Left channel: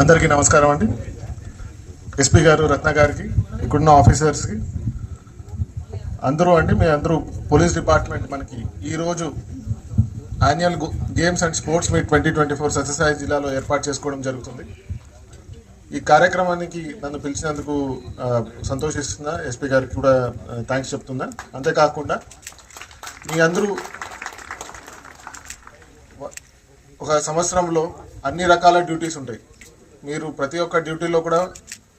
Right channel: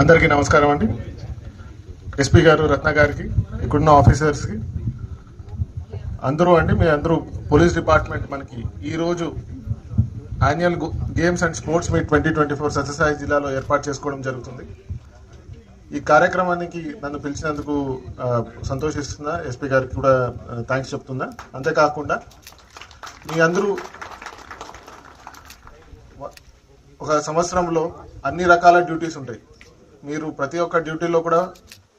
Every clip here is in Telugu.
అందరికీ నమస్కారం అండి. ఎస్పీ గారు రత్న గారికి ఇక్కడున్న ఆఫీసర్స్కి. అందరూ అండి మీ అందరూ పోలీస్ డిపార్ట్మెంట్ మనకి ఈరోజు annual games and sports meet twenty twenty four Sathya Sai జిల్లాలో ఏర్పాటు చేసుకోవడం జరుగుతుంది. ఈ కార్యక్రమానికి నన్ను పిలిచినందుకు సంతోషిస్తుందా సంతోషిస్తున్నా. ఎస్పీ గారికి కూడా థ్యాంక్స్ చెప్తున్నా. అంతేకాకుండా మీ అందరూ ఒక సంవత్సరంలో అన్ని రకాల డ్యూటీస్ ఉంటాయి. మీరు ప్రతి ఒక్క డ్యూటీలో కూడా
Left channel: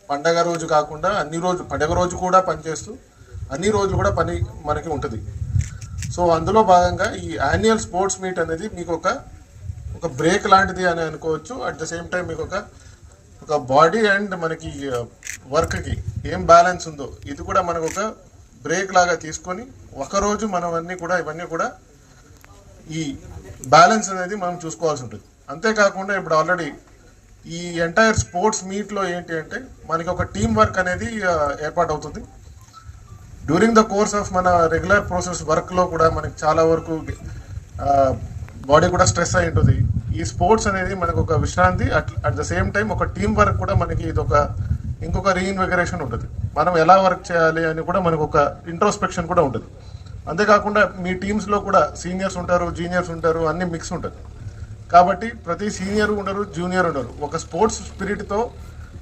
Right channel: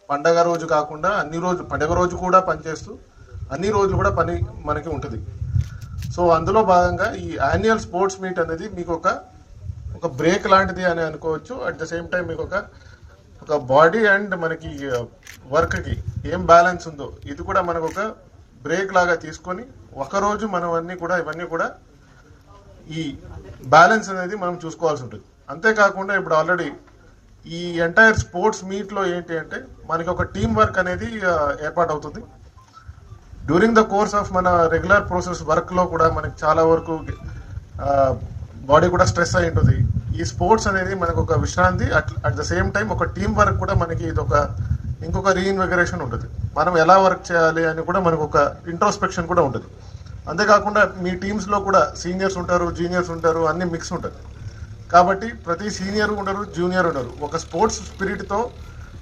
పండగ రోజు కాకుండా అన్ని రోజు పండగ రోజు కూడా పనిచేస్తూ అన్ని రోజులు కూడా పని మనకి ఉంటుంది. సో అందులో భాగంగా ఈ యాన్యువల్ స్పోర్ట్స్ మీట్ అనేది మీకు ఒక ఒక బ్రేక్ లాంటిది అని అనుకోవచ్చు. అట్ ద సేమ్ టైం మీకు ఒక ఒక బాడీ అండ్ మనకి uh, వర్క్కి ఏం బ్యాలెన్స్ ఉందో ఇది కూడా మనకు ఒక బ్రేక్ లాగా తీసుకొని ఒకరోజు మనం అన్నీ కూడా ఇవన్నీ కూడా ఈ బ్యాలెన్స్ అనేది మనం చూసుకోవాల్సి ఉంటుంది. అంతేకాకుండా ఇప్పుడు ఆల్రెడీ ఈ ఎంటైర్ స్పోర్ట్స్ మీట్లో ఏంటి అంటే మనకి ఒక టీం వర్క్ అనేది ఏర్పాటు అవుతుంది డ్యూరింగ్ ద కోర్స్ ఆఫ్ మన రెగ్యులర్ ప్రాసెస్ వర్క్లో కూడా మనకి చాలా వరకు బాడీ కూడా స్ట్రెస్ అయి ఉంటుంది. ఈ స్పోర్ట్స్ అనేది మనకు ఒక విశ్రాంతి at at the same time ఒక టీం వర్క్ కూడా మనకి ఇది ఒక ఇంకొక రీఇన్వెగరేషన్ ఉంటుంది. మనం ఎలా వర్క్ చేయాలి అని కూడా మనకు ఒక ఇంట్రోస్పెక్షన్ కూడా ఉంటుంది. అంతేకాకుండా మీ టీమ్స్లో కూడా సీనియర్స్ ఉంటారు జూనియర్స్ ఉంటారు అన్ని మిక్స్ ఉంటుంది కాబట్టి ప్రతి సీనియర్ ఉండరు జూనియర్ ఉండరు. ఒక స్పోర్ట్స్ స్పిరిట్తో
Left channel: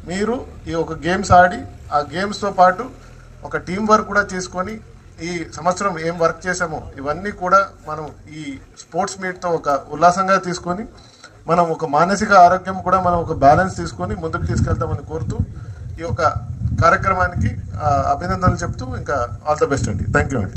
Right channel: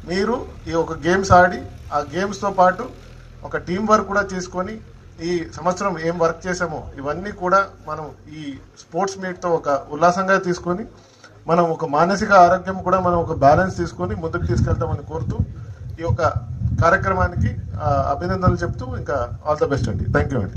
మీరు ఈ ఒక గేమ్స్ ఆడి ఆ గేమ్స్తో పాటు ఒక టీం వర్క్ కూడా చేసుకొని ఈ సంవత్సరం ఏం వర్క్ చేసామో ఇవన్నీ కూడా మనం ఈ స్పోర్ట్స్ మీట్తో ఒక ఉల్లాసంగా తీసుకొని మనం ఒక మానసిక ఆరోగ్యం కూడా మనం ఒక బ్యాలెన్స్ తీసుకొని ముందుకు తీసుకెళ్తామని కోరుతూ ఈ యొక్క కార్యక్రమానికి ఆ, అభినందనలు చెప్తూ ఇంకా ఆల్ ద బెస్ట్ అండి. థ్యాంక్ యూ అండి.